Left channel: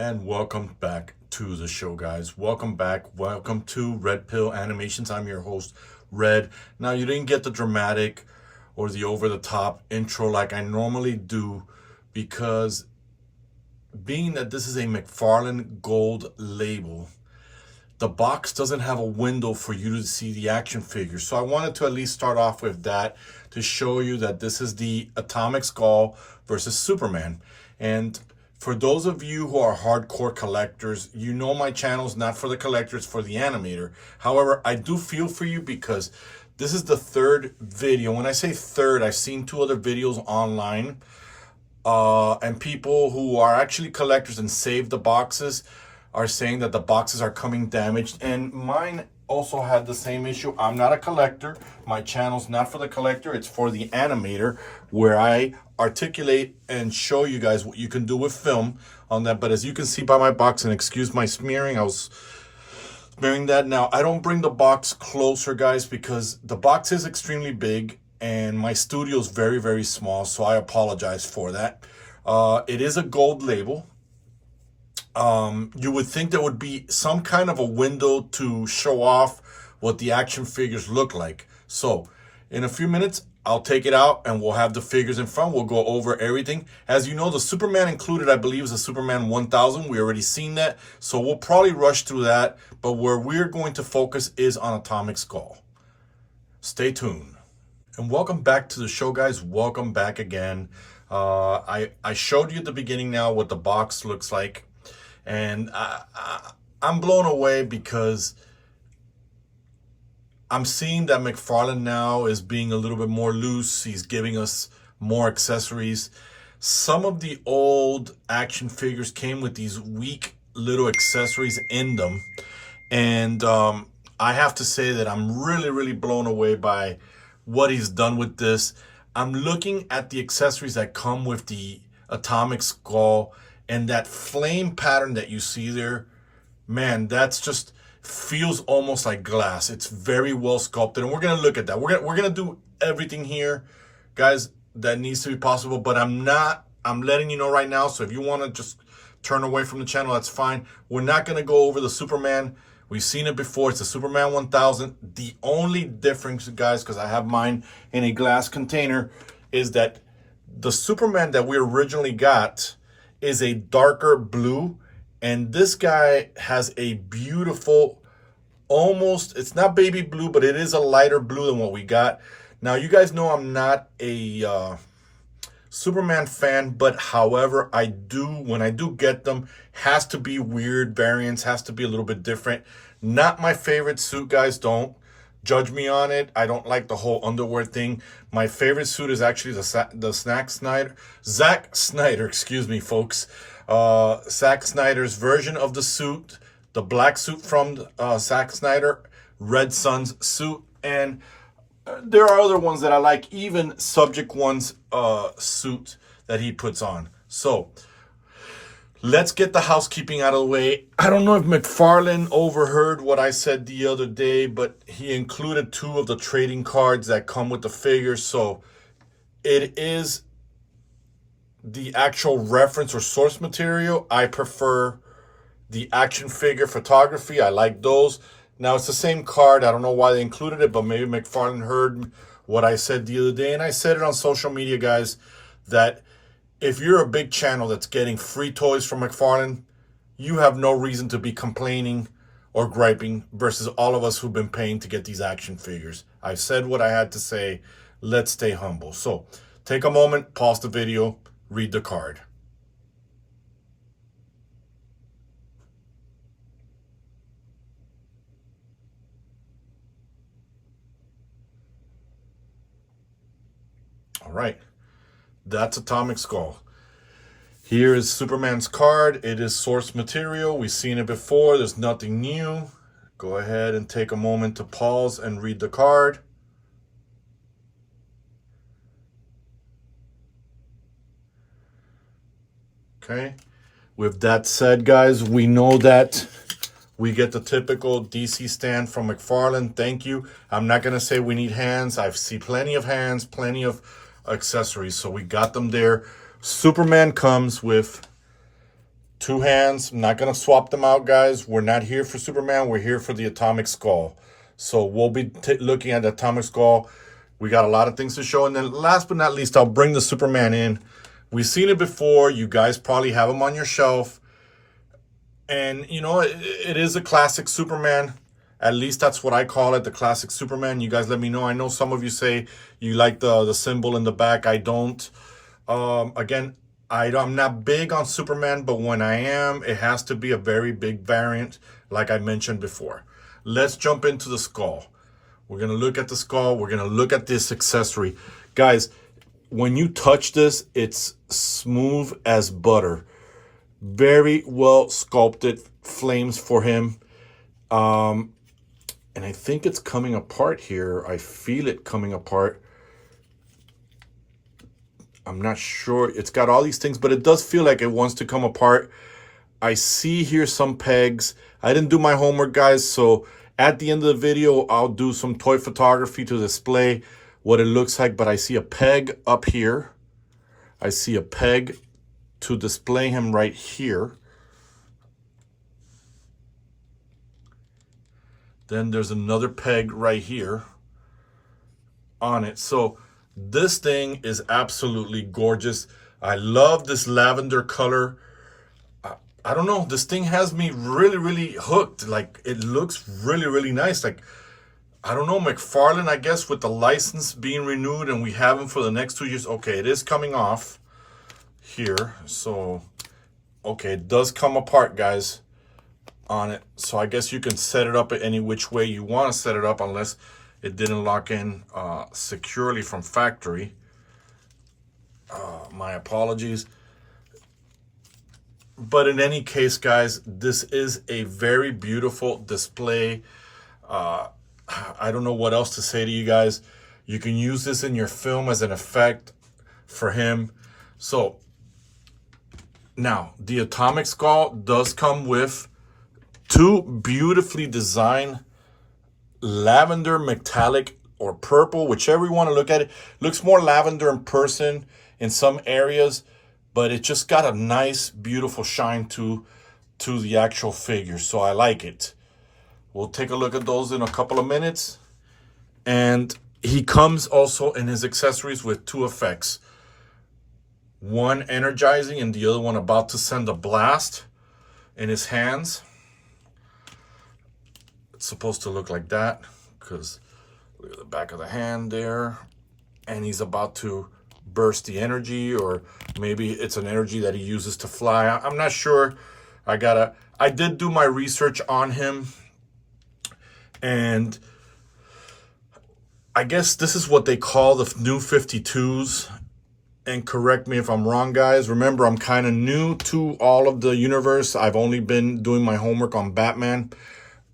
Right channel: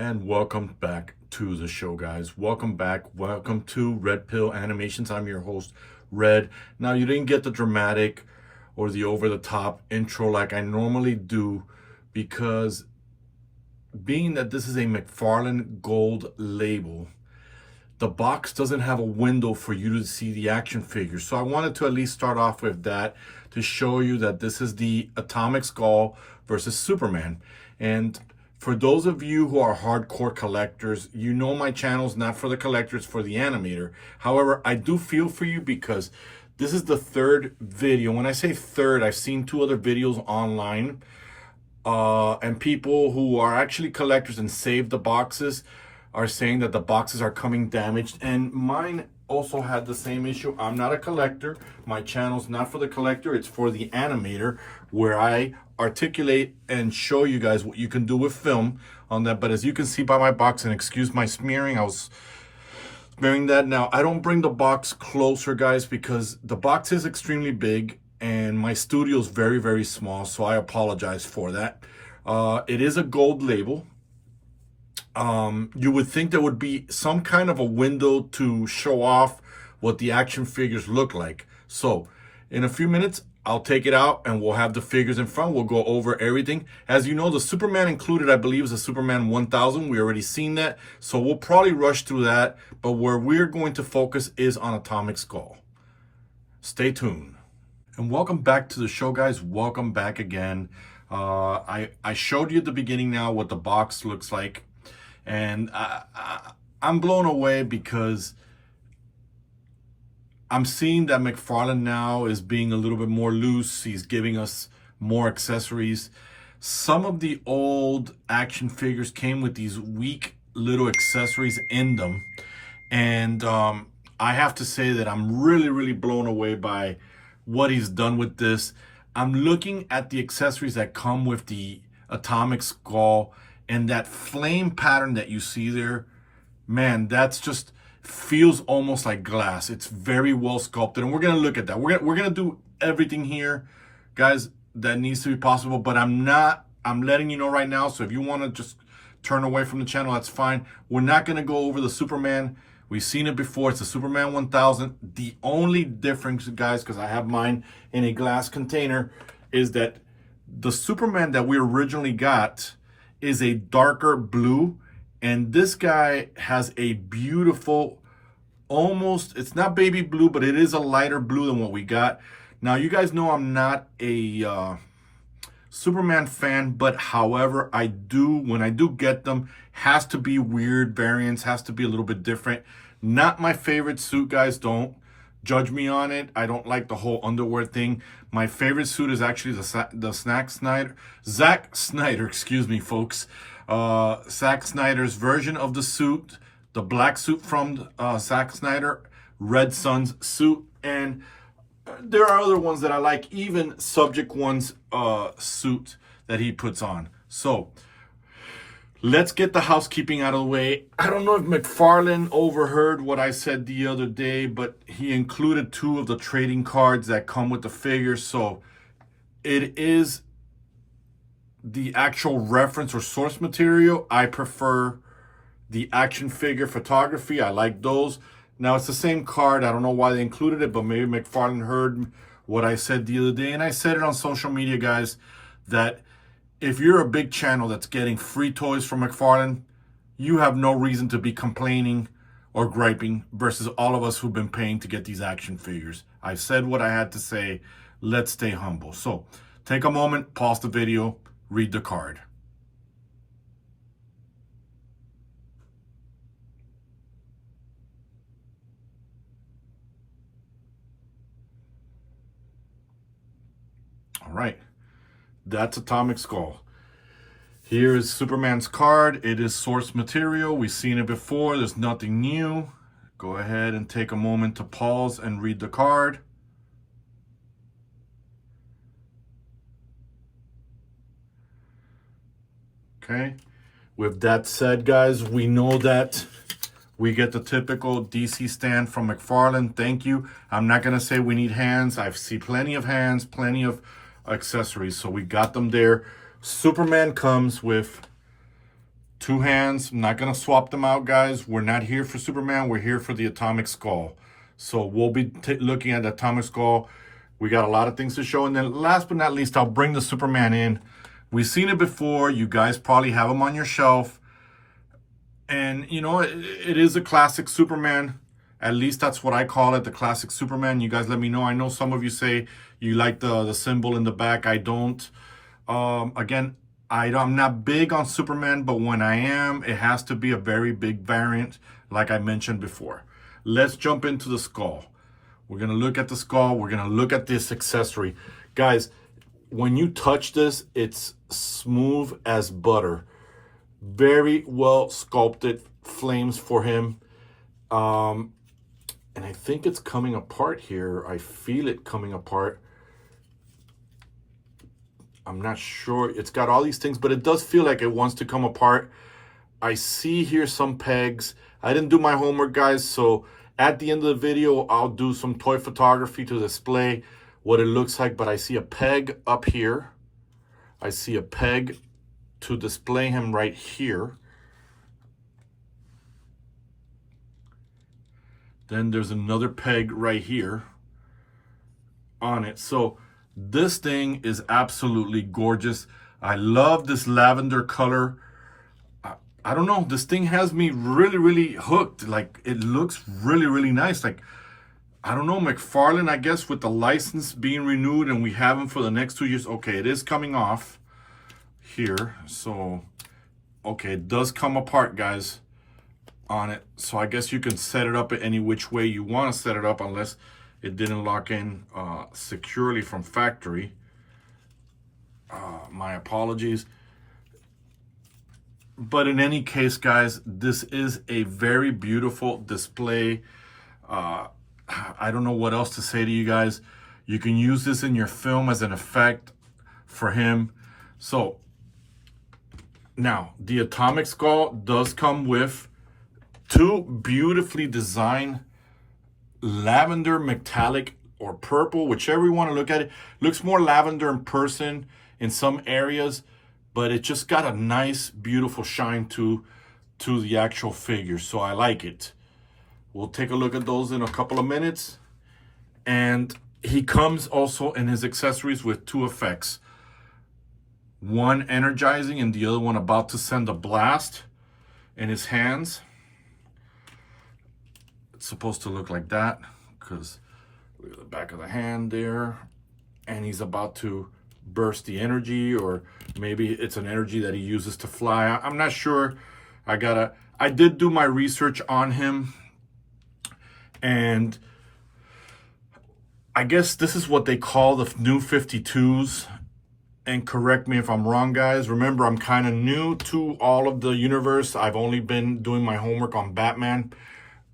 And welcome back to the show, guys. Welcome back. Welcome to Red Pill Animations. I'm your host, Red. Now, you didn't get the dramatic or the over-the-top intro like I normally do because being that this is a McFarlane Gold label, the box doesn't have a window for you to see the action figure. So I wanted to at least start off with that to show you that this is the Atomic Skull versus Superman. And for those of you who are hardcore collectors, you know my channel's not for the collectors, for the animator. However, I do feel for you because this is the third video. When I say third, I've seen two other videos online and people who are actually collectors and save the boxes are saying that the boxes are coming damaged, and mine also had the same issue. I'm not a collector. My channel's not for the collector, it's for the animator, where I articulate and show you guys what you can do with film on that. But as you can see by my box, and excuse my smearing, I was smearing that. Now, I don't bring the box closer, guys, because the box is extremely big and my studio is very, very small, so I apologize for that. It is a gold label. You would think there would be some kind of a window to show off what the action figures look like. So in a few minutes, I'll take it out and we'll have the figures in front. We'll go over everything. As you know, the Superman included, I believe, is the Superman 1000. We already seen that. So we'll probably rush through that. But where we're going to focus is on Atomic Skull. Stay tuned. And welcome back to the show, guys. Welcome back again. I showed you at the beginning now what the box looks like. And I'm blown away because I'm seeing that McFarlane now is being a little bit more loose. He's giving us more accessories. Some of the old action figures came with these weak little accessories in them. And I have to say that I'm really, really blown away by what he's done with this. I'm looking at the accessories that come with the Atomic Skull, and that flame pattern that you see there, man, that's just feels almost like glass. It's very well sculpted, and we're gonna look at that. We're gonna do everything here, guys, that needs to be possible. But I'm letting you know right now. So if you want to just turn away from the channel, that's fine. We're not gonna go over the Superman. We've seen it before. It's the Superman 1000. The only difference, guys, because I have mine in a glass container, is that the Superman that we originally got is a darker blue, and this guy has a beautiful, almost, it's not baby blue, but it is a lighter blue than what we got. Now, you guys know I'm not a Superman fan, but however, when I do get them, has to be weird variants, has to be a little bit different. Not my favorite suit, guys. Don't judge me on it. I don't like the whole underwear thing. My favorite suit is actually the Zack Snyder, excuse me, folks. Zack Snyder's version of the suit, the black suit from Zack Snyder, Red Son's suit, and there are other ones that I like, even Subject One's suit that he puts on. So let's get the housekeeping out of the way. I don't know if McFarlane overheard what I said the other day, but he included two of the trading cards that come with the figures. So it is the actual reference or source material. I prefer the action figure photography. I like those. Now, it's the same card. I don't know why they included it, but maybe McFarlane heard what I said the other day. And I said it on social media, guys, that if you're a big channel that's getting free toys from McFarlane, you have no reason to be complaining or griping versus all of us who've been paying to get these action figures. I said what I had to say. Let's stay humble. So take a moment, pause the video, read the card. All right. That's Atomic Skull. Here is Superman's card. It is source material. We've seen it before. There's nothing new. Go ahead and take a moment to pause and read the card. Okay. With that said, guys, we know that we get the typical DC stand from McFarlane. Thank you. I'm not going to say we need hands. I've seen plenty of hands, plenty of accessories, so we got them there. Superman comes with 2 hands. I'm not going to swap them out, guys. We're not here for Superman. We're here for the Atomic Skull. So we'll be looking at the Atomic Skull. We got a lot of things to show. And then last but not least, I'll bring the Superman in. We've seen it before. You guys probably have them on your shelf. And, you know, it is a classic Superman. At least that's what I call it, the classic Superman. You guys let me know. I know some of you say you like the symbol in the back. I don't. Again, I'm not big on Superman, but when I am, it has to be a very big variant, like I mentioned before. Let's jump into the skull. We're going to look at the skull. We're going to look at this accessory. Guys, when you touch this, it's smooth as butter. Very well sculpted flames for him. And I think it's coming apart here. I feel it coming apart. I'm not sure. It's got all these things, but it does feel like it wants to come apart. I see here some pegs. I didn't do my homework, guys, so at the end of the video, I'll do some toy photography to display what it looks like, but I see a peg up here. I see a peg to display him right here. Then there's another peg right here on it. So this thing is absolutely gorgeous. I love this lavender color. I don't know, this thing has me really hooked. Like, it looks really nice. Like, I don't know, McFarlane, I guess, with the license being renewed and we have him for the next 2 years. Okay, it is coming off here. So, okay, it does come apart, guys, on it. So I guess you can set it up any which way you want to set it up, unless it didn't lock in securely from factory. My apologies. But in any case, guys, this is a very beautiful display. I don't know what else to say to you guys. You can use this in your film as an effect for him. So now the Atomic Skull does come with 2 beautifully designed lavender metallic or purple, whichever you want to look at it. Looks more lavender in person in some areas, but it just got a nice, beautiful shine to the actual figure. So I like it. We'll take a look at those in a couple of minutes. And he comes also in his accessories with 2 effects. One energizing and the other one about to send a blast in his hands. It's supposed to look like that, because look at the back of the hand there. And he's about to burst the energy, or maybe it's an energy that he uses to fly. I'm not sure. I did do my research on him, and I guess this is what they call the new 52s. And correct me if I'm wrong, guys. Remember, I'm kind of new to all of the universe. I've only been doing my homework on Batman.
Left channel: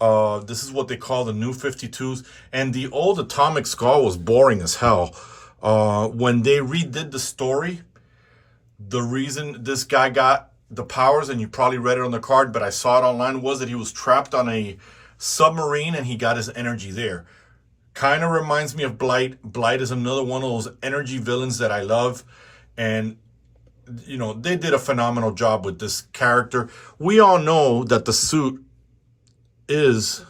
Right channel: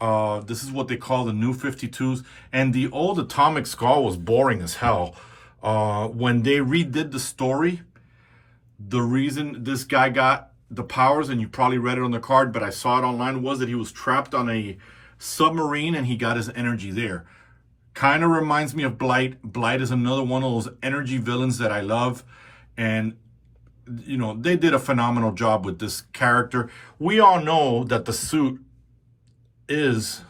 This is what they call the new 52s. And the old Atomic Skull was boring as hell. When they redid the story, the reason this guy got the powers, and you probably read it on the card, but I saw it online, was that he was trapped on a submarine and he got his energy there. Kind of reminds me of Blight. Blight is another one of those energy villains that I love. And, you know, they did a phenomenal job with this character. We all know that the suit is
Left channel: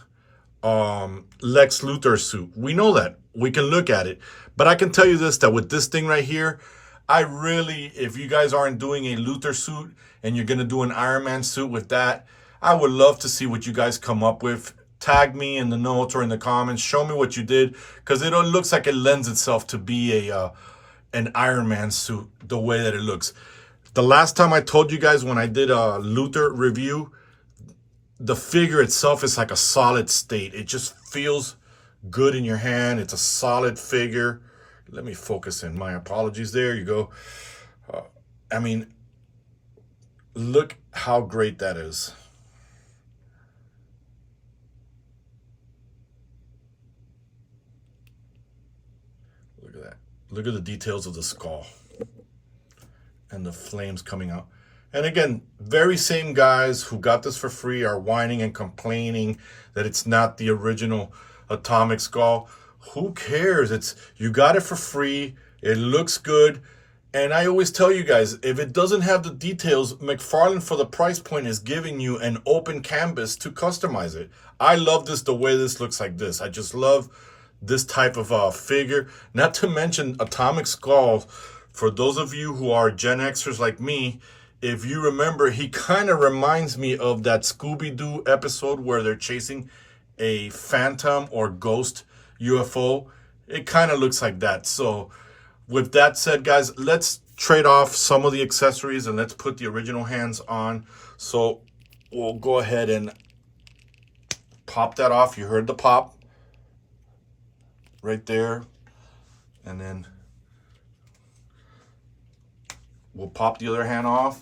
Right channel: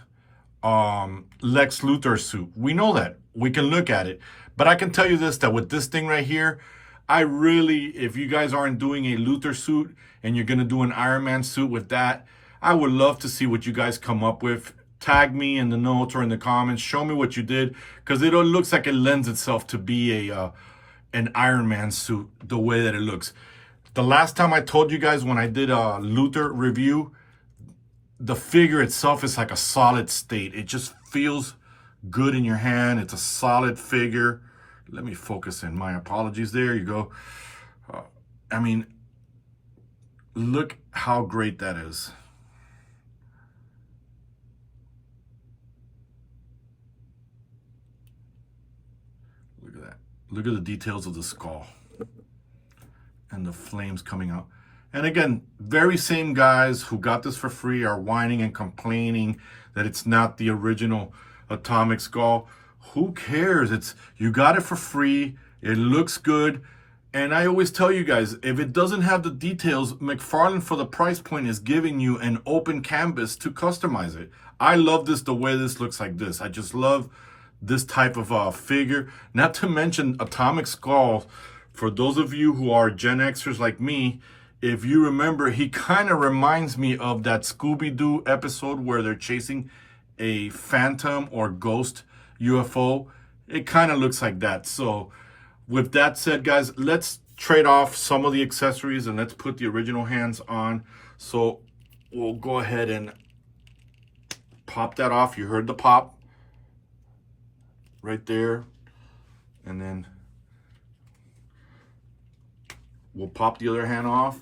Lex Luthor's suit. We know that. We can look at it. But I can tell you this, that with this thing right here, I really, if you guys aren't doing a Luthor suit and you're going to do an Iron Man suit with that, I would love to see what you guys come up with. Tag me in the notes or in the comments. Show me what you did, because it looks like it lends itself to be an Iron Man suit, the way that it looks. The last time I told you guys, when I did a Luthor review, the figure itself is like a solid state. It just feels good in your hand. It's a solid figure. Let me focus in. My apologies. There you go. I mean, look how great that is. Look at that. Look at the details of the skull and the flames coming out. And again, very same guys who got this for free are whining and complaining that it's not the original Atomic Skull. Who cares? You got it for free. It looks good. And I always tell you guys, if it doesn't have the details, McFarlane for the price point is giving you an open canvas to customize it. I love this, the way this looks like this. I just love this type of figure. Not to mention Atomic Skull. For those of you who are Gen Xers like me, if you remember, he kind of reminds me of that Scooby-Doo episode where they're chasing a phantom or ghost UFO. It kind of looks like that. So with that said, guys, let's trade off some of the accessories and let's put the original hands on. So we'll go ahead and pop that off. You heard the pop right there. And then we'll pop the other hand off.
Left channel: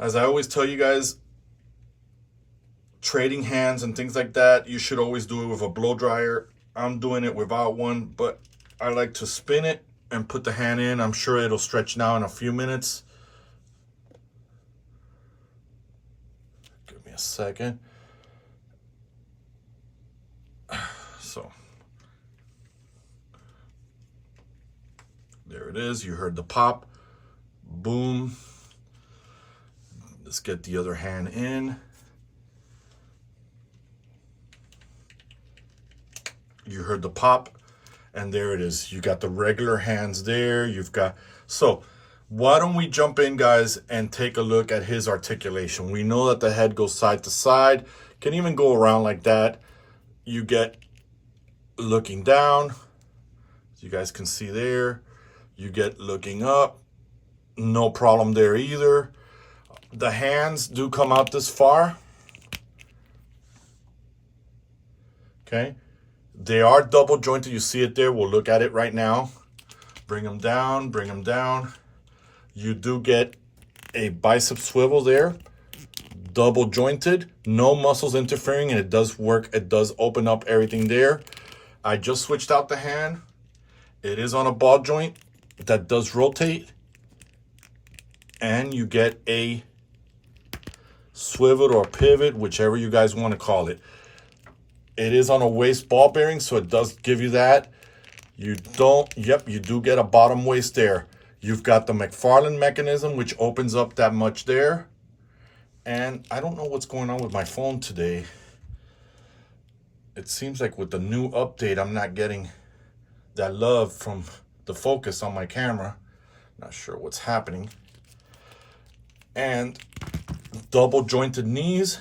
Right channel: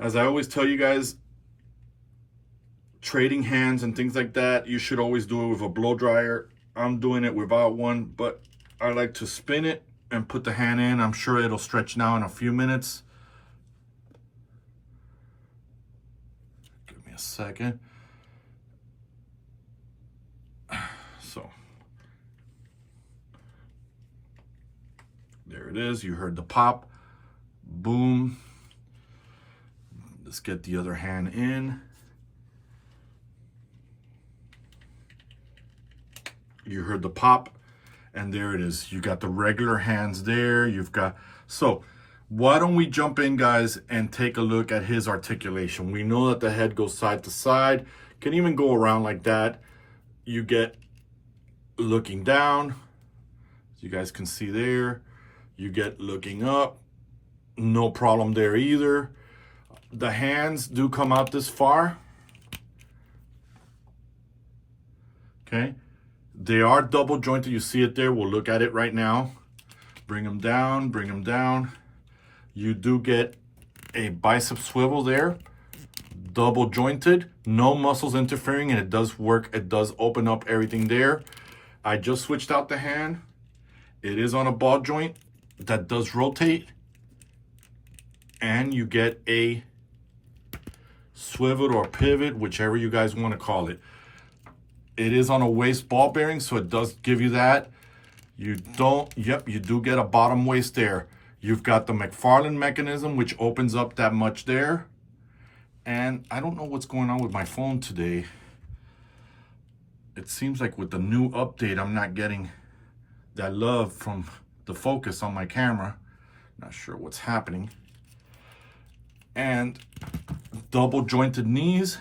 As I always tell you guys, trading hands and things like that, you should always do it with a blow dryer. I'm doing it without one, but I like to spin it and put the hand in. I'm sure it'll stretch now in a few minutes. Give me a second. So there it is. You heard the pop. Boom. Let's get the other hand in. You heard the pop. And there it is. You got the regular hands there. You've got, so why don't we jump in, guys, and take a look at his articulation. We know that the head goes side to side, can even go around like that. You get looking down, as you guys can see there. You get looking up, no problem there either. The hands do come out this far. Okay. They are double jointed. You see it there. We'll look at it right now. Bring them down, bring them down. You do get a bicep swivel there. Double jointed, no muscles interfering, and it does work. It does open up everything there. I just switched out the hand. It is on a ball joint that does rotate. And you get a swivel or pivot, whichever you guys want to call it. It is on a waist ball bearing, so it does give you that. You don't, yep, you do get a bottom waist there. You've got the McFarlane mechanism, which opens up that much there. And I don't know what's going on with my phone today. It seems like with the new update, I'm not getting that love from the focus on my camera. Not sure what's happening. And double jointed knees.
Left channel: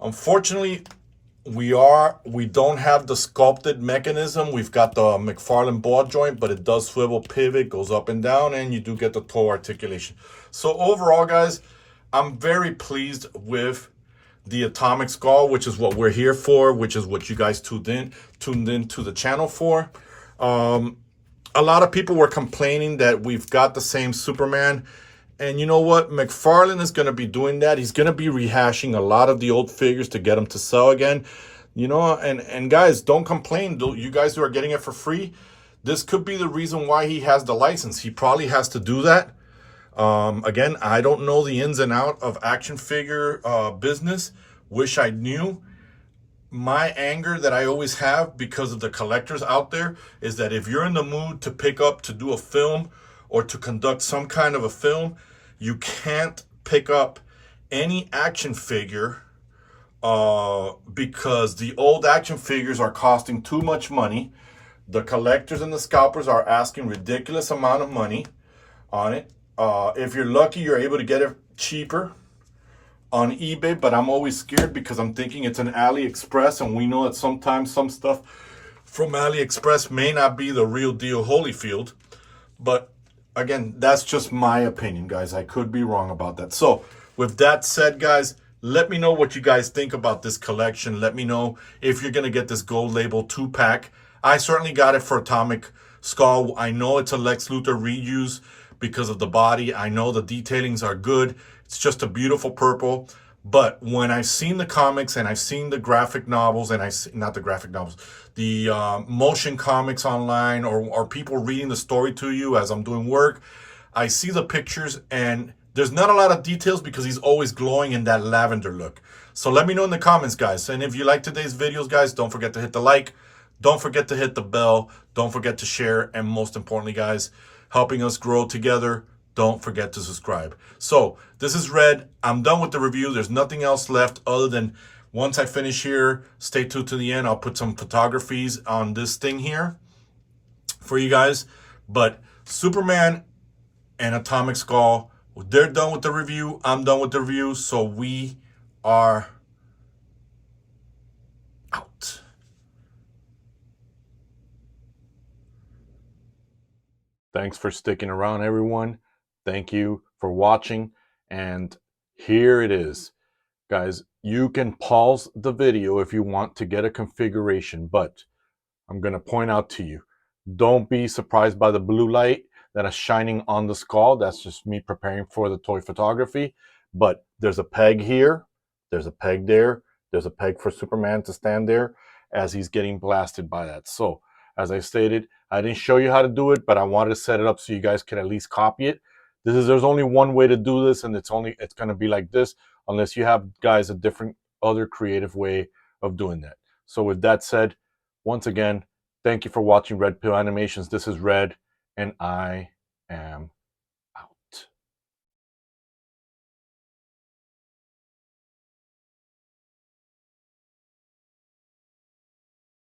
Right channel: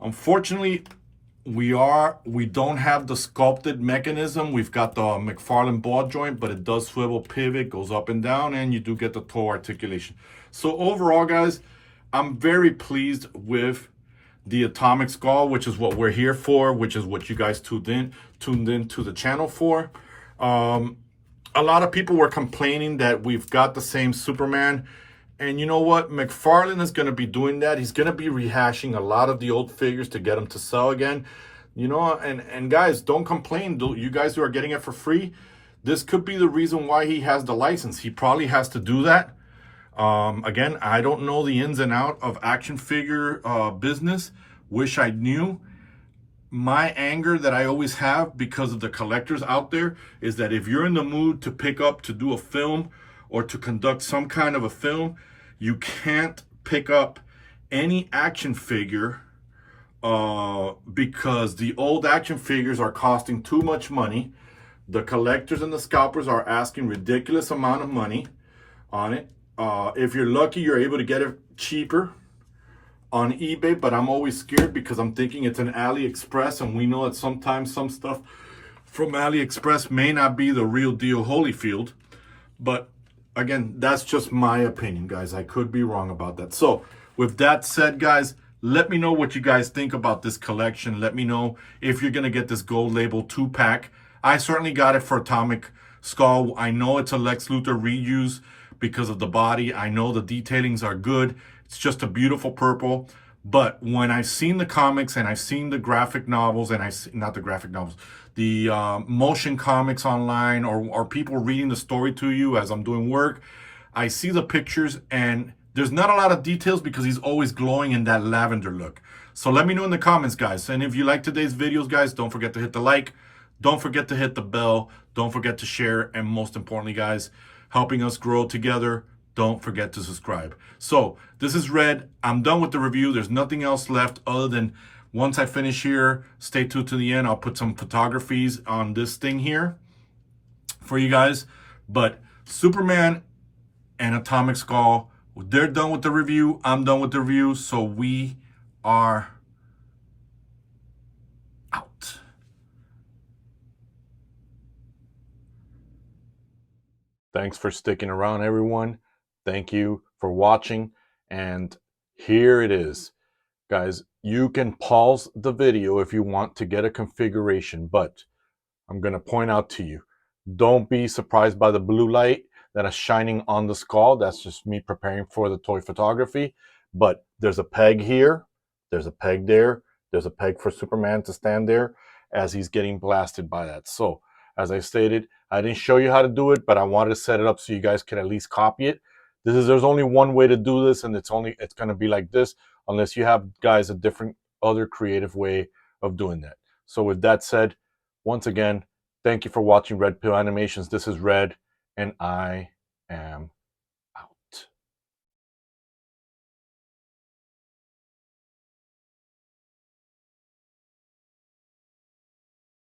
Unfortunately, we don't have the sculpted mechanism. We've got the McFarlane ball joint, but it does swivel pivot, goes up and down, and you do get the toe articulation. So overall, guys, I'm very pleased with the Atomic Skull, which is what we're here for, which is what you guys tuned in to the channel for. A lot of people were complaining that we've got the same Superman. And you know what? McFarlane is going to be doing that. He's going to be rehashing a lot of the old figures to get them to sell again. You know, and guys, don't complain. You guys who are getting it for free, this could be the reason why he has the license. He probably has to do that. Again, I don't know the ins and out of action figure business. Wish I knew. My anger that I always have because of the collectors out there is that if you're in the mood to pick up to do a film or to conduct some kind of a film, you can't pick up any action figure because the old action figures are costing too much money. The collectors and the scalpers are asking ridiculous amount of money on it. If you're lucky, you're able to get it cheaper on eBay, but I'm always scared because I'm thinking it's an AliExpress, and we know that sometimes some stuff from AliExpress may not be the real deal Holyfield. But again, that's just my opinion, guys. I could be wrong about that. So with that said, guys, let me know what you guys think about this collection. Let me know if you're going to get this gold label 2-pack. I certainly got it for Atomic Skull. I know it's a Lex Luthor reuse because of the body. I know the detailings are good. It's just a beautiful purple. But when I've seen the comics and I've seen the graphic novels, and not the graphic novels, the motion comics online, or people reading the story to you as I'm doing work, I see the pictures and there's not a lot of details because he's always glowing in that lavender look. So let me know in the comments, guys. And if you like today's videos, guys, don't forget to hit the like. Don't forget to hit the bell. Don't forget to share. And most importantly, guys, helping us grow together, don't forget to subscribe. So this is Red. I'm done with the review. There's nothing else left other than once I finish here, stay tuned to the end. I'll put some photographies on this thing here for you guys. But Superman and Atomic Skull, they're done with the review. I'm done with the review. So we are out. Thanks for sticking around, everyone. Thank you for watching. And here it is. Guys, you can pause the video if you want to get a configuration, but I'm going to point out to you, don't be surprised by the blue light that is shining on the skull. That's just me preparing for the toy photography. But there's a peg here, there's a peg there, there's a peg for Superman to stand there as he's getting blasted by that. So, as I stated, I didn't show you how to do it, but I wanted to set it up so you guys can at least copy it. There's only one way to do this, and it's going to be like this, unless you have, guys, a different other creative way of doing that. So with that said, once again, thank you for watching R.P.Animations. This is Red, and I am